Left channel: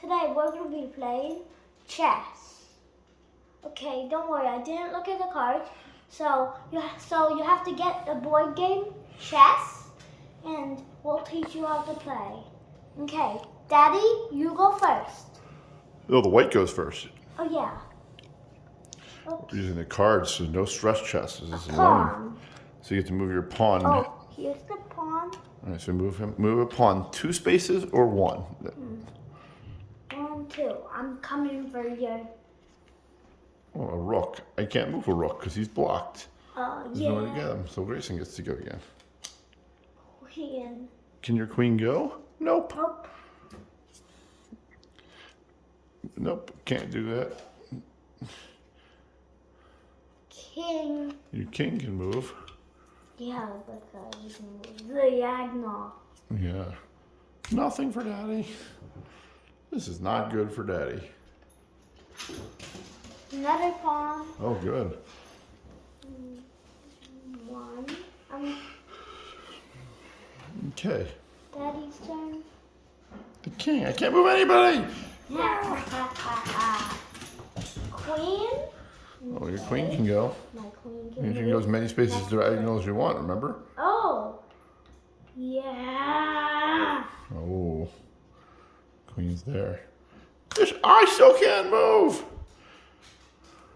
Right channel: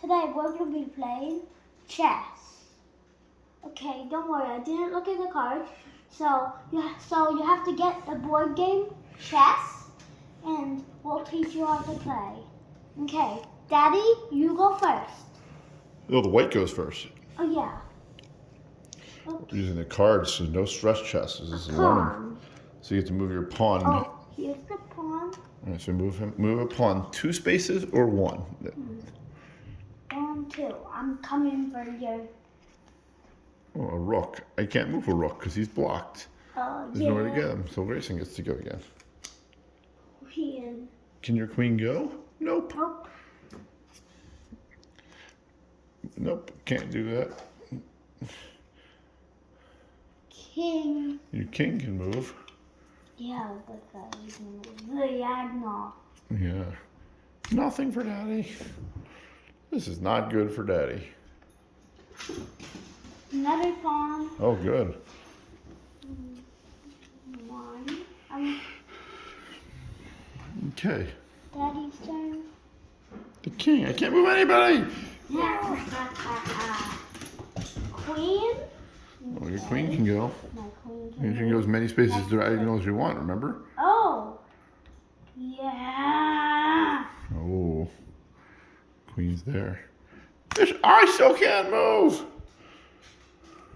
Today we're going to be playing chess. Okay, don't worry, I didn't look at the cards. So you have to get the board game, chess, and we'll teach you how to play. Okay, Daddy, you go first. Oh, the white goes first. Oh yeah. We're using the cards, so no stress chess. This is learning. So you get to move your pawn. Oh, here's the pawn. All right, so move a pawn 2 spaces or 1. 1, 2. I'm coming for you. Oh, a rook. I can't move a rook because he's blocked. There's nowhere to Yeah. get him, so Grayson gets to go again. Queen. Can your queen go? Nope. Nope. Nope, can't do that. King. Your king can move. Yeah, but you can move the diagonal. Yeah. Nothing for Daddy. This is not good for Daddy. Another pawn. Oh, good. 1. Okay. Daddy's turn. The king. I can't move anybody. Queen. Oh, your queen can go. My queen You can go as many spaces diagonal as you want, remember? Oh. Yeah. Oh. Queen's there. I still can't move.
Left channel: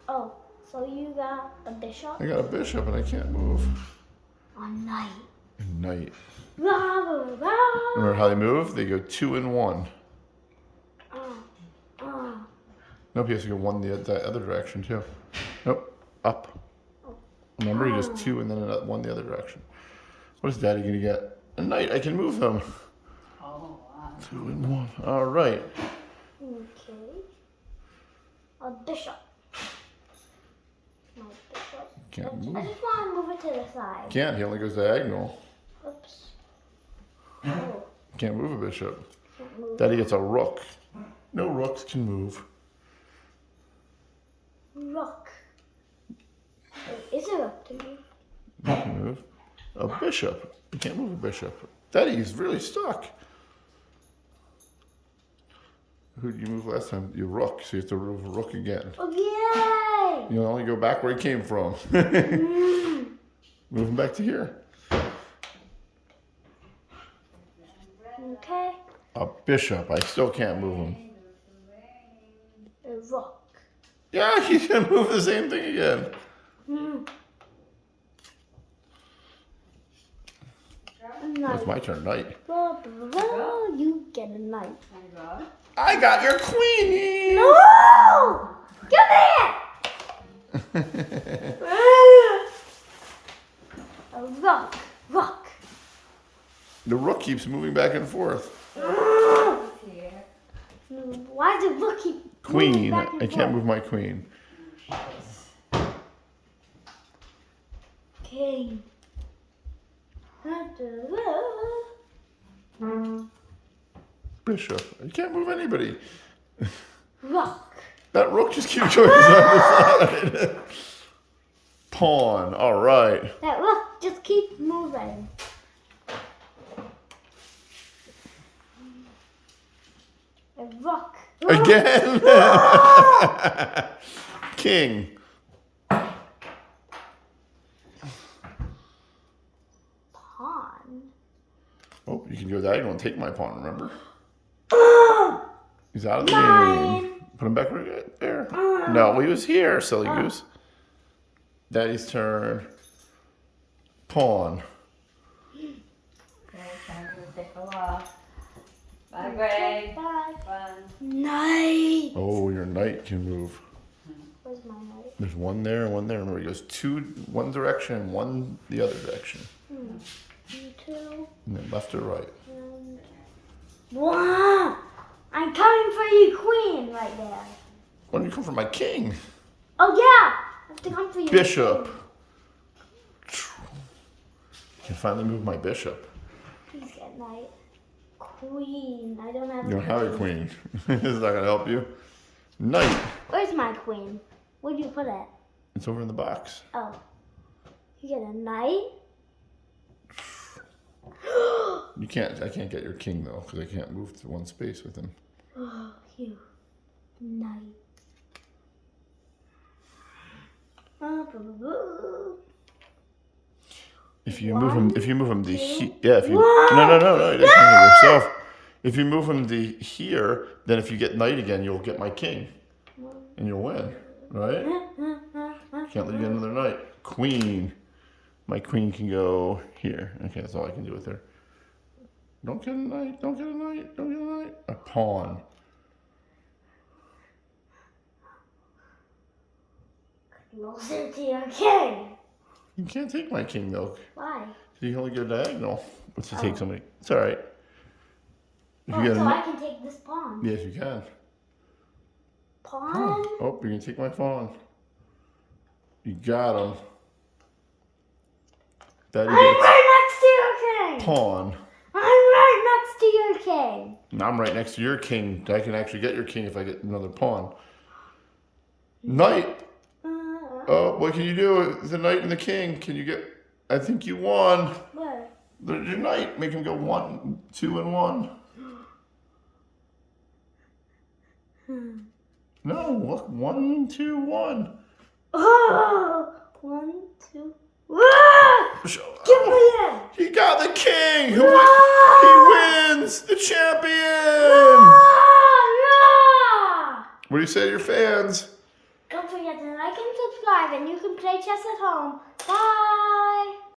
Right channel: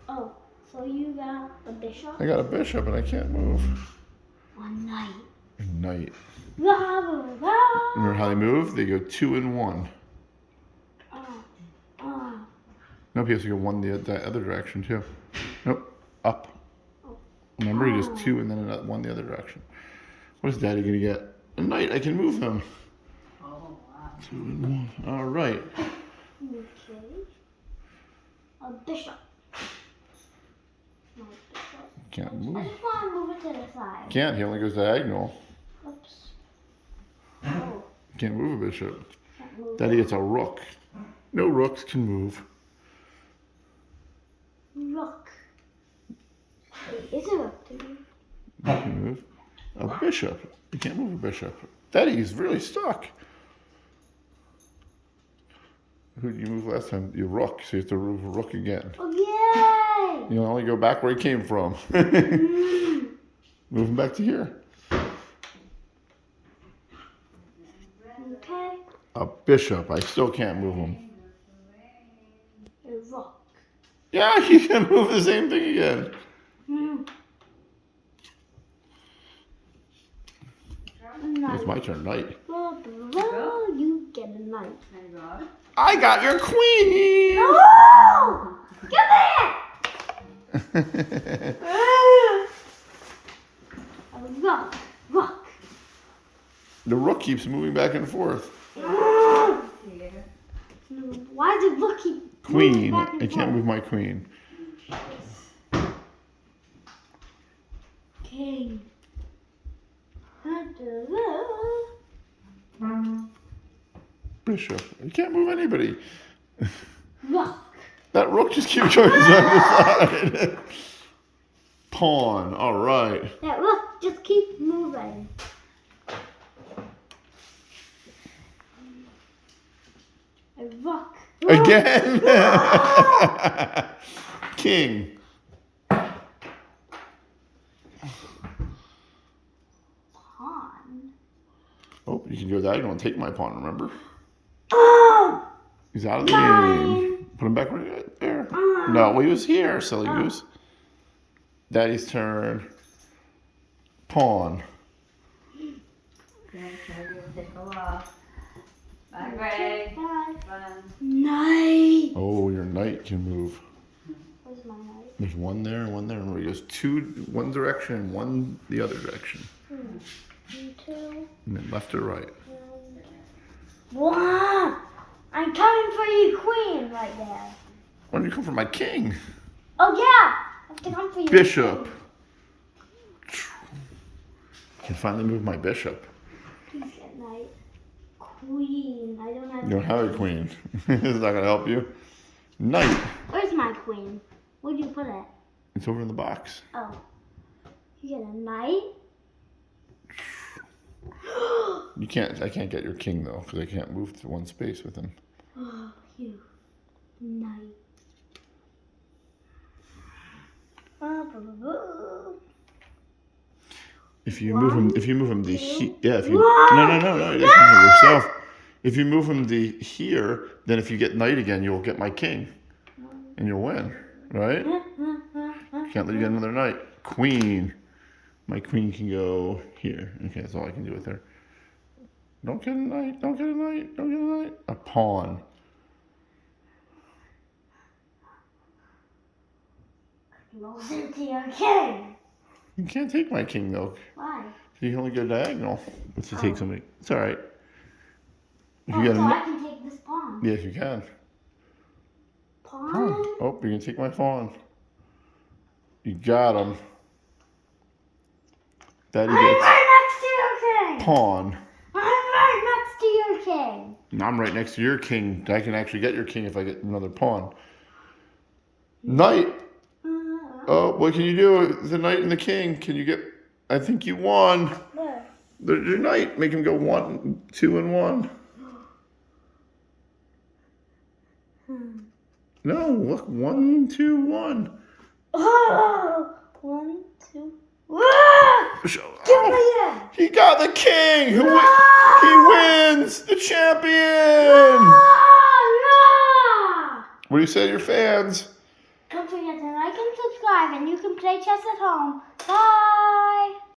Oh, so you got a bishop? I got a bishop and I can't move. A knight. A knight. Rah, rah, rah. Remember how they move? They go 2 and 1. Nope, he has to go 1 the other direction too. Nope, up. Remember, he goes 2 and then 1 the other direction. What is Daddy gonna get? A knight. I can move him. 2 and 1. All right. Okay. A bishop. No bishop. Can't I move. just want to move it to the side. Can't. He only goes diagonal. Oops. Oh, Can't move a bishop. can't move. Daddy gets a rook. No rooks can move. Rook. Wait, is it rook to move? You can move a bishop. You can't move a bishop. Daddy's really stuck. Who did you move last time? Your rook. So you have to move a rook again. Oh, yay! You'll only go back where he came from. Move him back to here. Okay. A bishop. I still can't move him. A rook. Yeah, he can move the same thing again. It's my turn. Knight. You get a knight. I got your queen. No! Come here! A rook. Rook. The rook keeps moving back and forth. Why did rook keep moving Queen. back and I can't forth? move my queen. King. Bishop. I can't move anybody. Rook. That rook just keeps going side to side. Pawn. All right. That rook just keeps moving. A rook. Again. King. Pawn. Oh, you can go diagonal and take my pawn, remember? Oh! He's out of the game. Put him back right there. No, he was here, silly goose. Daddy's turn. Pawn. Bye, Gray. Bye. Fun. Knight. Oh, your knight can move. Where's my knight? There's 1 there and 1 there. Remember, he goes 2 one direction and 1 the other direction. 2. And then left or right. Wow! I'm coming for you, queen, right there. Why don't you come for my king? Oh yeah, I have to come for you. Bishop. I can finally move my bishop. Please get knight. Queen. I don't have. You don't have a queen. This is not gonna help you. Knight. Where's my queen? Where'd you put it? It's over in the box. Oh. You get a knight? You can't. I can't get your king though, because I can't move to 1 space with him. You If you move him, to yeah, if you no, you can't move yourself. If you move him to here, then if you get knight again, you'll get my king, and you'll win, right? Can't let you get another knight. Queen, my queen can go here. Okay, that's all I can do with her. Don't get a knight. Don't get a knight. Don't get a knight. A pawn. Closer to your king. You can't take my king though. Why? You can only go diagonal. If you take somebody, it's all right. If Oh, you so got I can take this pawn. yes, you can. Pawn? Oh, you can take my pawn. You got him. Daddy I'm gets right next to your king. pawn. I'm right next to your king. Now I'm right next to your king. I can actually get your king if I get another pawn. Knight. Oh, what can you do? The knight and the king. Can you get? I think you won. Where? There's your knight. Make him go 1, 2, and 1. No, look, 1, 2, 1. Oh, 1, 2. Oh, he got the king. He wins the champion. What do you say to your fans? Don't forget to like and subscribe, and you can play chess at home. Bye.